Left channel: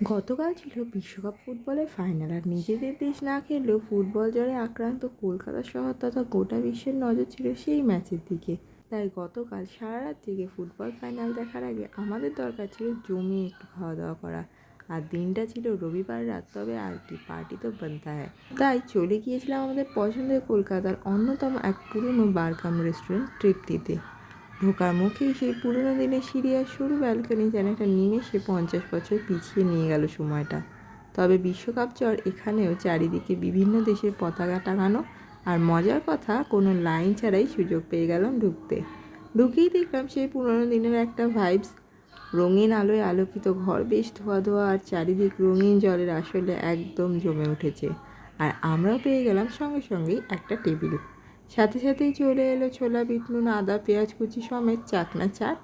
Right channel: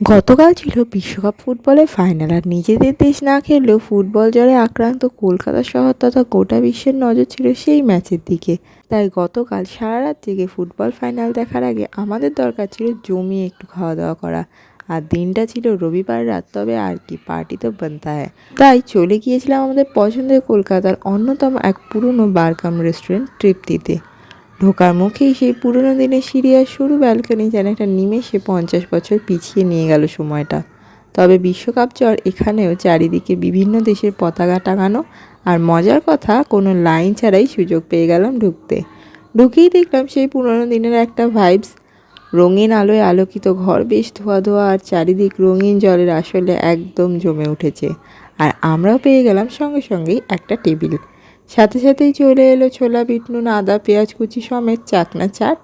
গতকাল ছিল বিশ্বকাপ ফুটবলের ফাইনাল, আর নিজেদের দেশ না খেললেও ফুটবল জ্বরে আক্রান্ত কলকাতা শহর তথা গোটা বিশ্বের নজর ছিল সেই ম্যাচের দিকে। তাই গতকাল সারা রাত জেগে ফুটবল ফাইনাল দেখার আগে আমাদের দরকার ছিল জমিয়ে একটু খাওয়া দাওয়া করা। আর দিনটা ছিল রবিবার রাত, তবে আর কি, পার্টি তো বানতা হ্যায়। তাই চলে গিয়েছিলাম আমাদের পছন্দের কলকাতার অন্যতম এক পুরনো বারকাম রেস্টুরেন্ট তৃপ্তিতে। ঢোকার মুখেই সেই পুরনো দিনের সিঁড়ি আর সরু ব্যালকনি যেন একটা নিমেষে 50 বছর পিছিয়ে নিয়ে গেল সময়টা। তবে বিশ্বকাপ জ্বর এখানেও, চারিদিকে বিভিন্ন দেশের পতাকা টাঙানো, আর মজার কথা, কোনো লাইন ছাড়াই সুযোগ পেয়ে গেলাম ঢুকতে। ঢুকেই দেখলাম সেই পুরনো দিনের একটা ভাইবস। রঙিন আলোয় আলোকিত ঘর, বেশ ধোয়া ধোয়া, আর চারিদিক রঙিন জলের আসলে একদম জমে উঠেছে। আর আমরাও পেয়ে গেলাম সঙ্গে সঙ্গেই একটা টেবিল। সাথে সাথেই চলে এলো ছোলা, বিট নুন, আদা, পেঁয়াজ কুচি সমেত চাকনা চাট।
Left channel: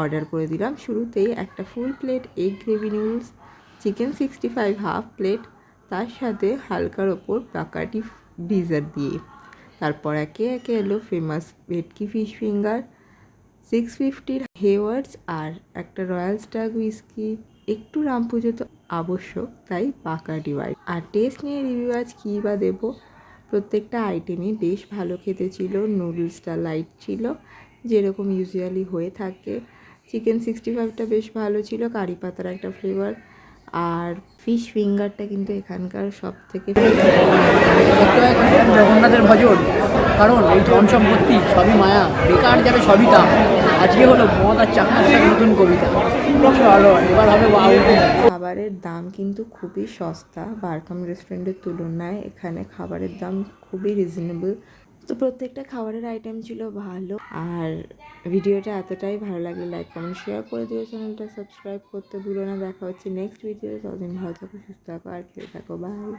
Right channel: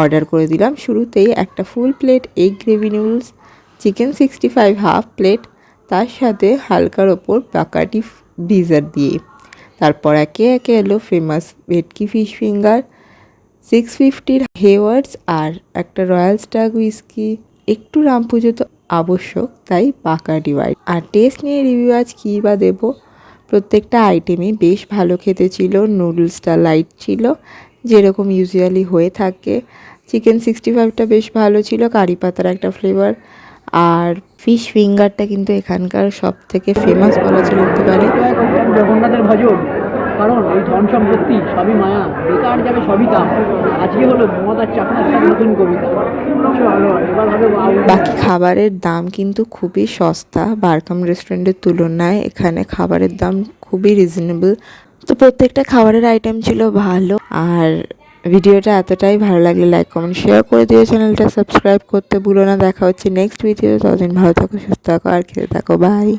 অর্ডার করে দিলাম শুরুতেই একটা full plate egg gravy noodles, chicken 65 half plate, তার সাথে হালকার ওপর বাকাটি ডিজার্ট দিয়ে। তারপর একে একে এলো ফেমাস ভেটকি ফিশ ফিঙ্গার, 650 হেওয়ার্ডস, আর একটা রয়্যাল স্টাগ হুইস্কি। একটু রাম পুজো তো আবশ্যক, তাই বাকাডি হোয়াইট। আর টেস্ট নিয়ে রিভিউ আজ কী বা দেবো। প্রত্যেকটা আইটেমই বেশ ভালো খেতে ছিল। নুডলসটা লাইট ছিল, যেরকম ইউজুয়ালি হয়ে থাকে। চিকেন 65টা বেশ ভালো ছিল, কারি পাতার একটা ফ্লেভার। আর ফিশ ফিঙ্গারটা কিন্তু এখানকার সব থেকে ফেমাস বলেছিল। জগন্নাথের ভজন, কারণ ওই ধন সম্পত্তি সবই মায়া, বেকার যাবে সবই তা। আজকে হলো মদ আর চাকরির সাথে নতুন কবিতা। ভালো হয়, এবার হবে বাকি খাবারের দাম কিন্তু খুবই সস্তা, বারকাম রেস্টুরেন্টের তুলনায় এখানে খাবারের দাম খুবই রিজনেবল। তো প্রত্যেকটা খাবারের আইটেম ছিল ভালো। আর ভিডিওটা এতটাই ভালো লাগলে লাইক কমেন্ট শেয়ার করে দিও, চ্যানেলটা সাবস্ক্রাইব করতে ভুলো না। দেখা হচ্ছে নেক্সট ভিডিও। ততদিন ভালো থাকো, সুস্থ থাকো, আর খেতে থাকো। বাই।